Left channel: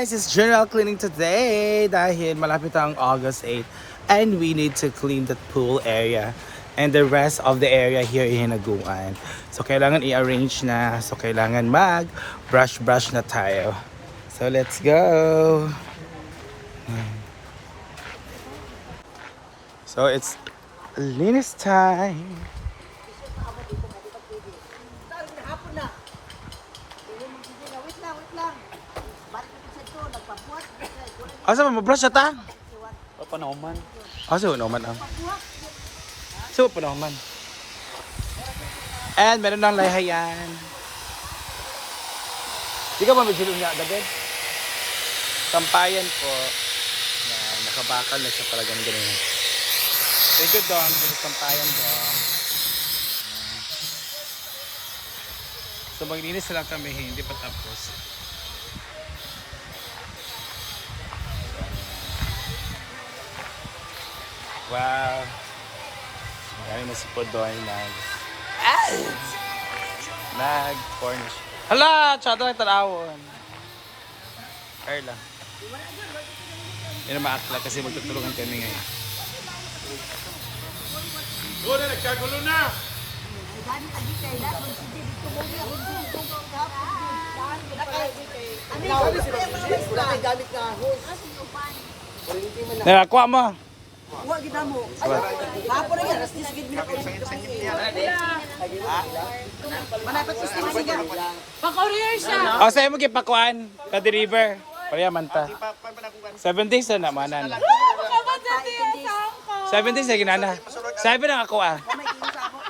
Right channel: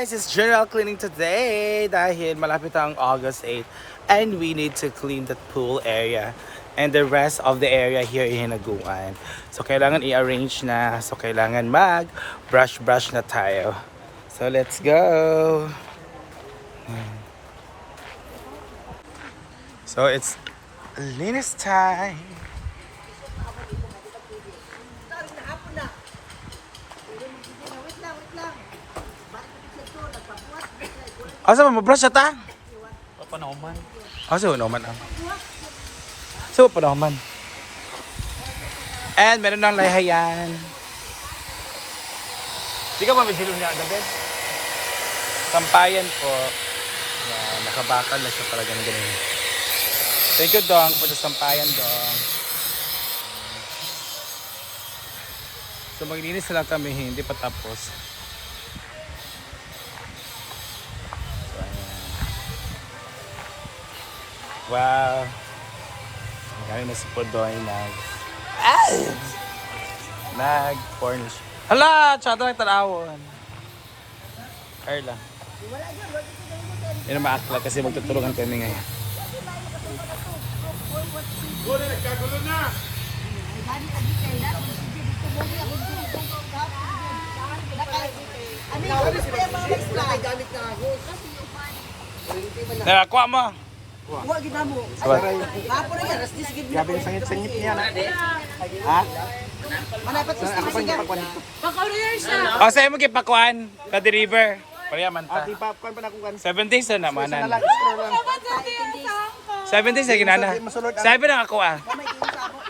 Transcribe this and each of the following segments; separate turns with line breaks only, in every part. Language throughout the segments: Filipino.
guys, it's general cleaning today dahil malapit ang August 8 and we need to clean the pool area and the rest of the area here in Hinaguan. So kailangan i-arrange na. So kailangan mag brush brush na tayo. So let's go. So it's linis time. Asa mo brush ta?
Panahuman.
Asa mo naman ang? So pa naman. And meron ng lahayan. Di ka ba may bilong niya gabi? Sampayan po. Yan, nakabakal na siya pala ganun ganun. Thank you, Dong, for the sampayan, Dong. So maglinis na lang kami, hindi pa tapos. Wow. Ngayon na si Podoy nag... Ay! Nag-furnish. Hala! Tsada lang tanawon. Carla. Yan ang maakla kasi magtutulungan kami ngayon. Nakakuha mo.
Wa gid mo. Kapo na gyud, rastis gid na ko. Ha? Manapat sa skin siya.
O, sa'yo mo kipakuan. Ka deliver. Kaya man ta. 7 days na naman na. 7 days na ginana. Sabi na ako ah.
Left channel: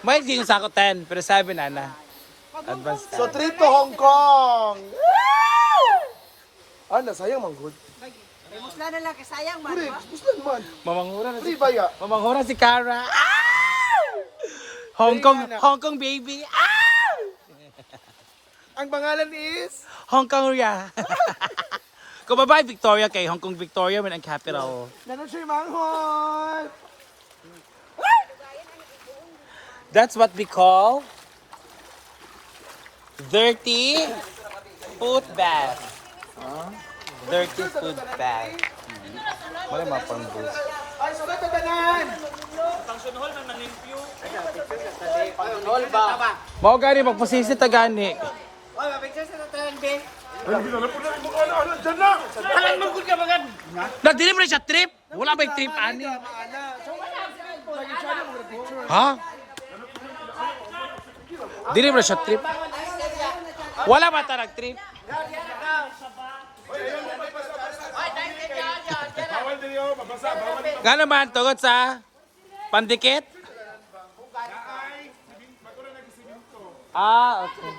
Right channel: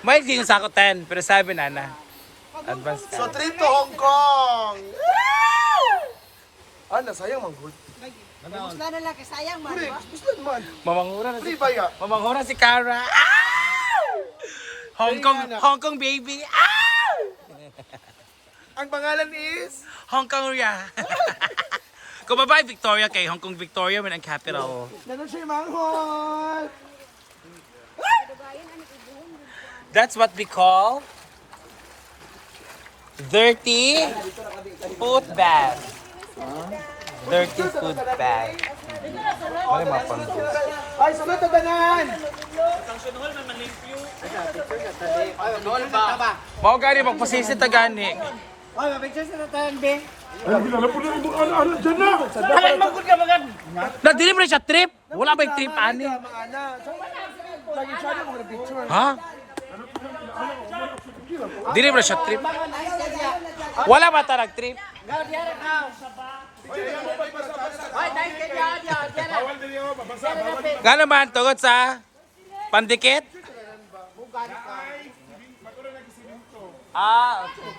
May gingan sa ako 10, pero sabi na na. Advance.
So, trip to Hong Kong! Ah, nasayang man
Gusto na lang kasayang man. wa?
Gusto naman.
Mamangura na si
Free ba ya?
Mamangura si Cara. Hong Kong, Hong Kong baby. Ah!
Ang pangalan is?
Hong Kong Ria. Kung babae Victoria kay Hong Kong Victoria man ang capital.
Nanon siya manghol!
That's what we call dirty food bag. Dirty food bag. Wala mga pang
Ay, sunod na tanan!
Mao gani magpasisi ta gani.
Ay, mabigyan sa tanan be.
Bagad!
Nagdili mo na siya trip. Wala ba yung trip ani?
Na.
Ha? Dili mo na siya trip. Wala ba ta nag-trip? Gano man tugot sa pandikit? Ah, okay.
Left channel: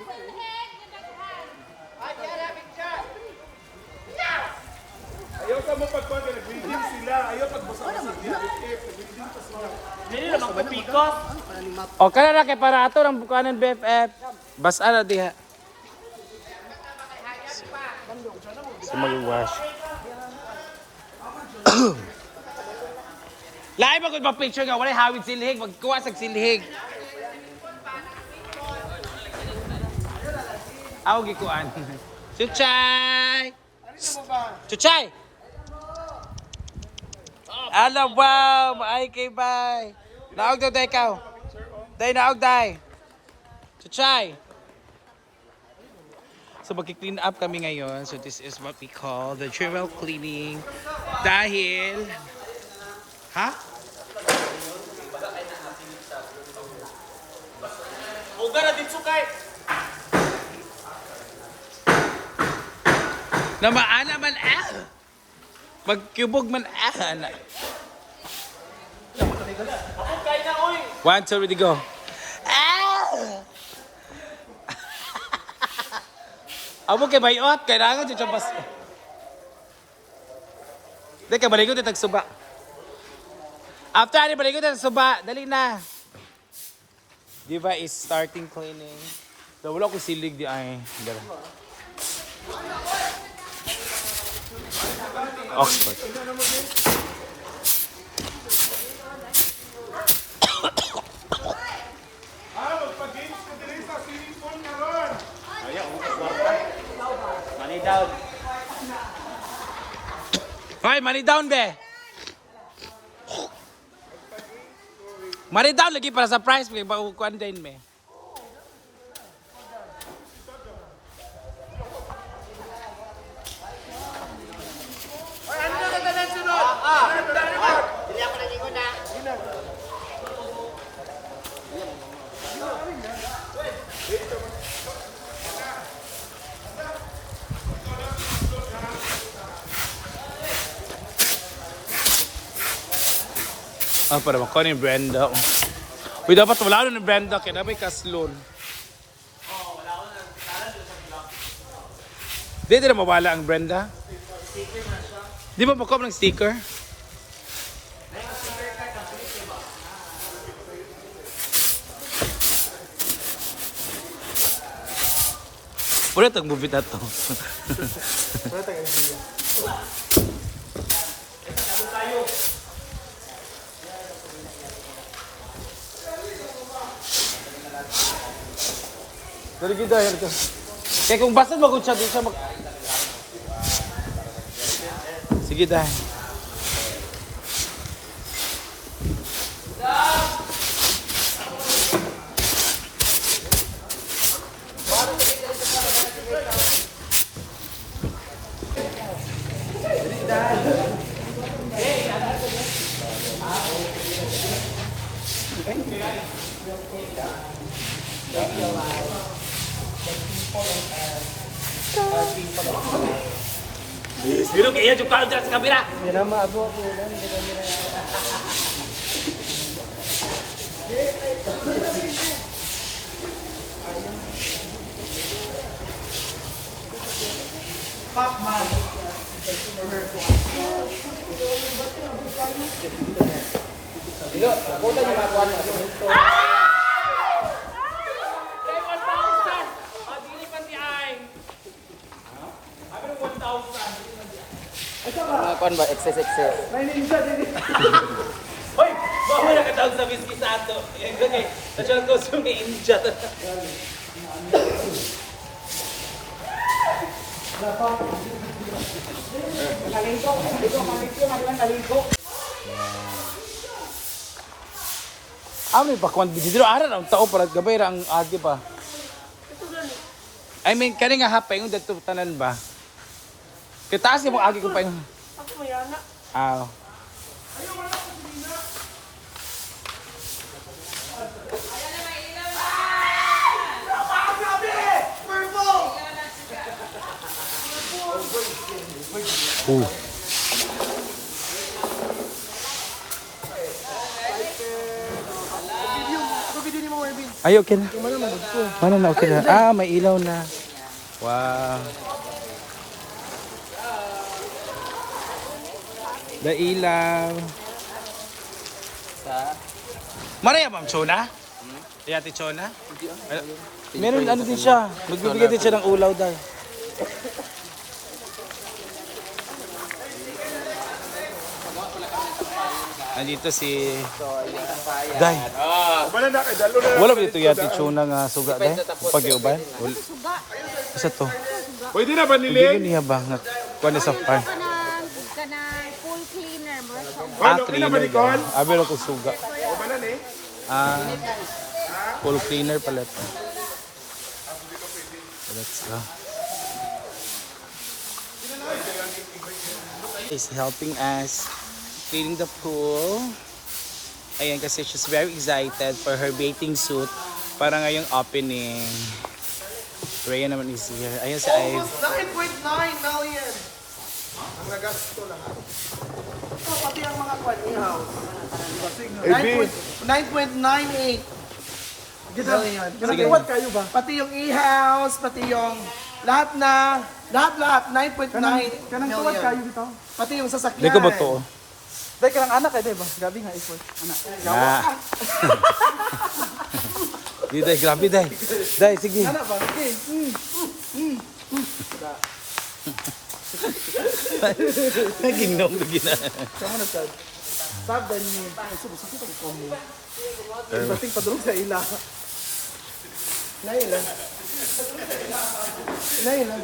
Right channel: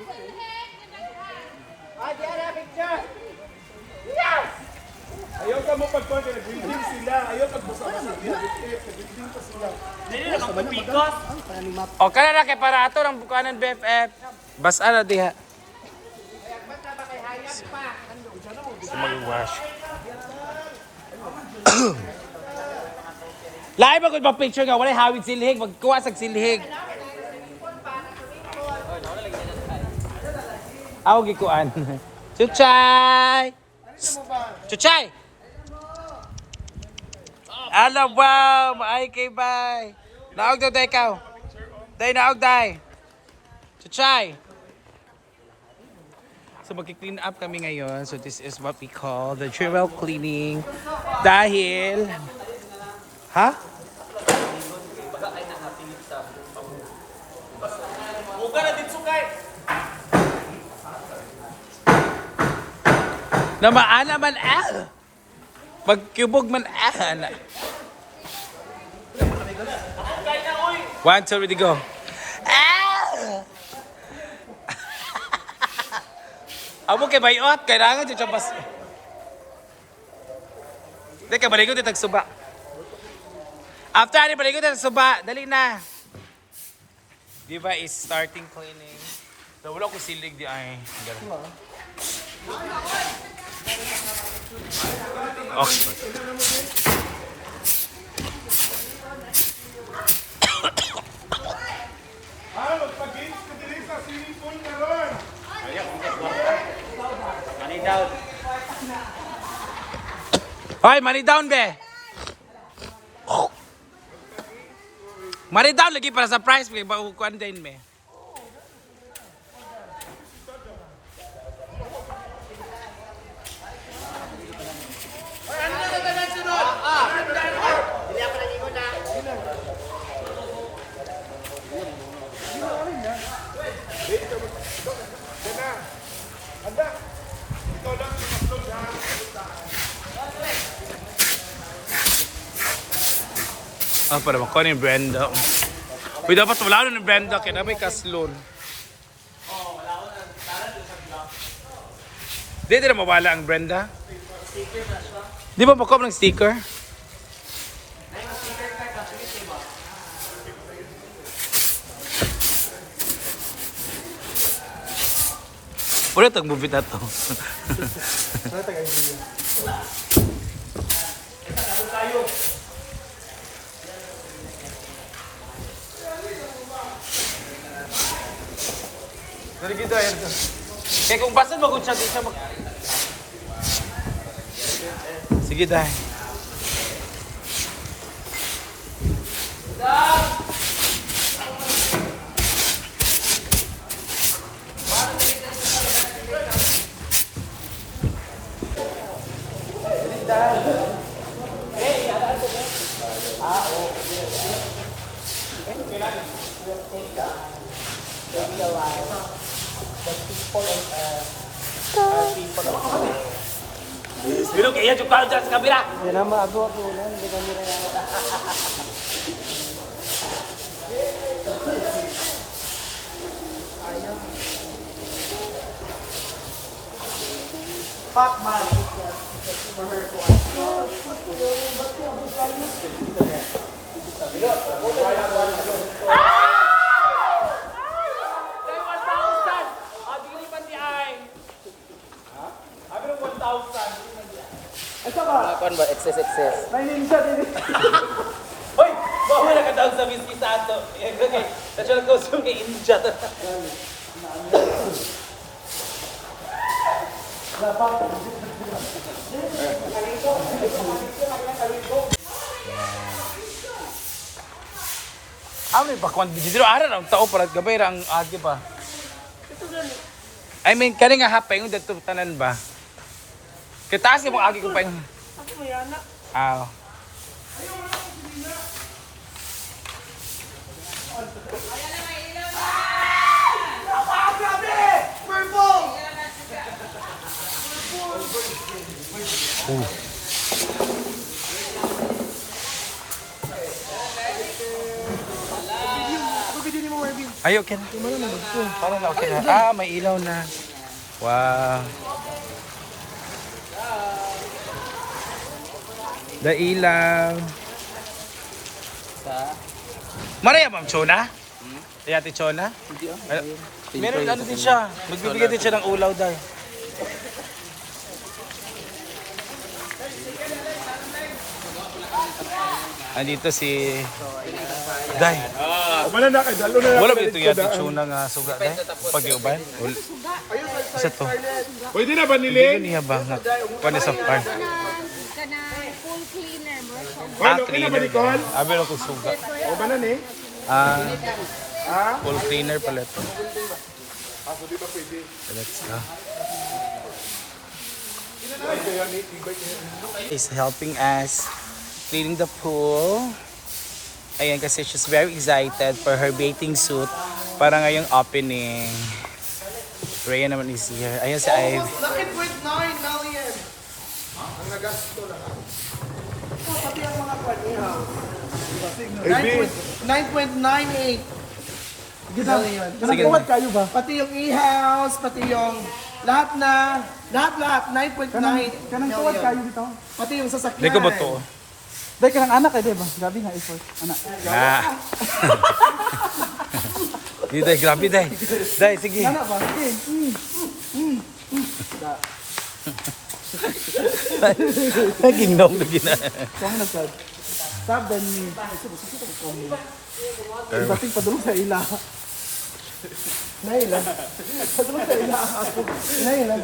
Ayaw ka mo pagpag nag-reading sila. Ayaw pagbasa-basa. Nag-reading pa sila.
O kana na kay para ato ng bukanan BFF. Basa na diha. Sa mag-wash. Ako ba picture nga wala hawid silhig, magkuha sa silhig. Aw gikuan. Chuchay. Chuchay. Ala wow, maay kay bay. Naog daw day ikaw. Day naog day. Chuchay. So magki-clean up kami ngayon. So this is what we call the general cleaning. Dahil Ha? Na maana man ah. Magkubog man ah. One, two, ready, go. Amo kay bayot, kailangan siya champas. Dali kay baligot itag suba. After ani baligot itag suba, dali na. Diva is starting cleaning. So, wala ko silig di ay. Dala. Oxford.
Ah, magpag-games ka din sa swimming pool na ron.
Hoy, money down be. Money down lagi para sa price kay bagukuan din me. Ah, para makuha ni Brenda. Uy, dapat wala na ni Brenda kaya na may kaslon. Di, di na mawala ang Brenda. Di ba makuha ng sticker? Wala tag movie na to. Dari kita ya to. Kaya kung basta magod siya, di siya mag... Sige dahil. Pero kaya yung kaon dyan sa kabila.
Kuan ba excess excess.
Hoy! Baka mo nakatawag sa whiskey sa ato. Eh, Okay, ko sa mga inja. Ah, may bakwan. Dito ara ang tao para gabay ra ang agi pa. I mean, kani nga hapay yung dito tanan ba? Kitaas mo agi ko pa yung...
Mayana.
Ah. Uh. Ay, okay na. Ano na, okay na. Ah, may ilaw na. Wow. The ilaw.
Sa
Maraya bang Chona? Ay ate Chona? Ano? Meron ano din siya. Magbibigay din siya ng ulaw daw. Andito si Day.
Wala na kay dalo na.
Wala ba ito yung ate Chona nga suga Day? Pag-iuban? Isa to.
Pwede na ba
Hindi
niling?
niya ba? nga- Kuha sa farm.
Full cleaner
ba Nicole?
Abi ko suga.
O ba na ni?
Ah, full cleaner pala ito. Let's go. Is helping us cleaning the pool. Ayan, kasi she's very excited for her bathing suit para ngayong opening. Rhea naman is here. Ayan si Ive.
9.9 million. Ang nagasto lang. Pati ang mga kwan-ihaw.
Eh,
9.98 million.
Sige.
kayo ba? Pati yung e-house, pati yung lahat na, lahat-lahat, 9.9
Kanang tuwad kayo dito.
Pati yung sasakyan.
Hindi ko ba to?
Dahil kanang anak eh, di ba? Grabe nga effort. Anak.
Ah. Di day, grabe day. Day, sige.
Ano ba? Sige. Mm.
Nagingnom lagi na.
Kaya nga sad. Sabi ni, ay sige, sige ko mo. Bating padulong sa ila.
Nailan. Nailan.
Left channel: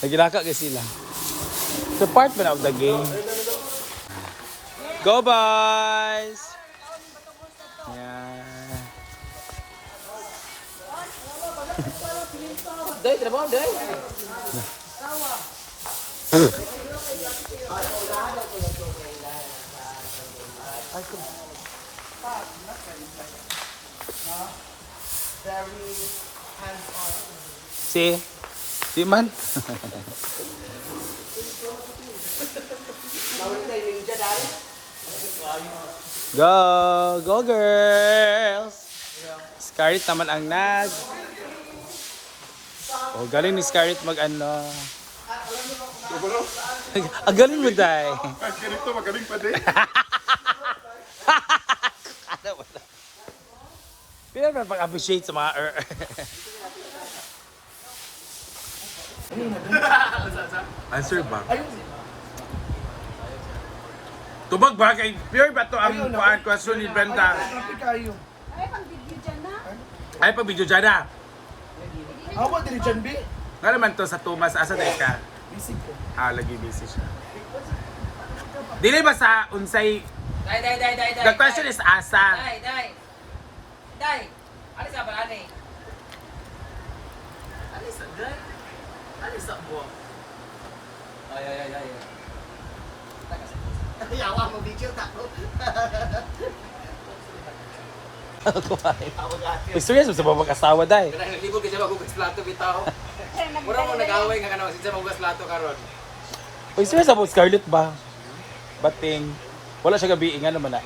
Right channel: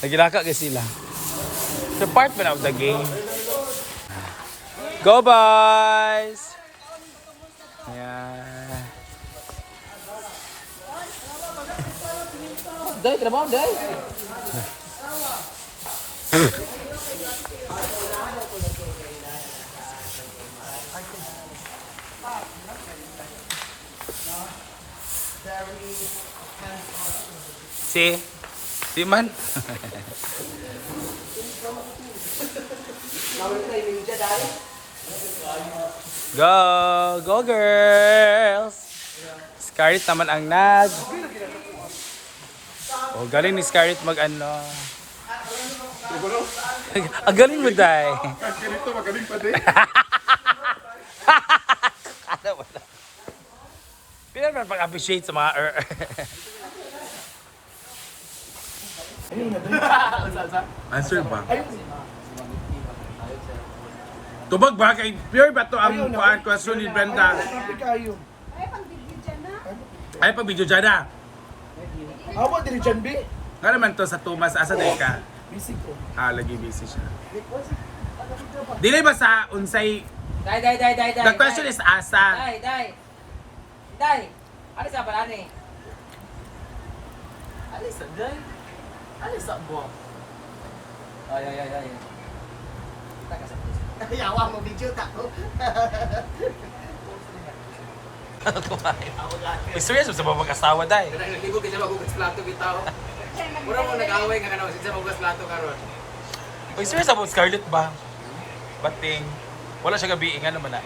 Nagilaka kay sila. So part man of the game. Go boys! Ayan.
Day, trabaho, day.
Si? Si man? Go! Go girls! Scarlett naman ang nag. Oh, galing ni Scarlett mag ano. Ang galing mo, Day.
Kahit ganito, magaling pa din.
Ano ba na? Pero naman pag-appreciate sa mga er Answer ba? Tubag ba kay pure ba to ang paan ko banda?
Traffic kayo.
Ay, pang video dyan na.
Ay pa video dyan na.
Awa, diri dyan, B.
Nga naman to sa Tumas asa day ka?
Busy ko.
Ah, lagi busy siya. Dili ba sa unsay
Day, day, day, day, day.
The question is asa.
Day, day. Day. Ano sa ba, ani? Alis sa day. Alis sa buwan. Ay, ay, ay, ay. Kita ka sa
Yawa mo video tako.
Serious mo sa mga mag-asawa day.
Kaya nagligod kasi magugas plato bitaw. Mura mo nag-away nga kanang sinsa magugas plato karon.
Uy, serious about Scarlett ba? Bating. Wala siya gabi nga naman na.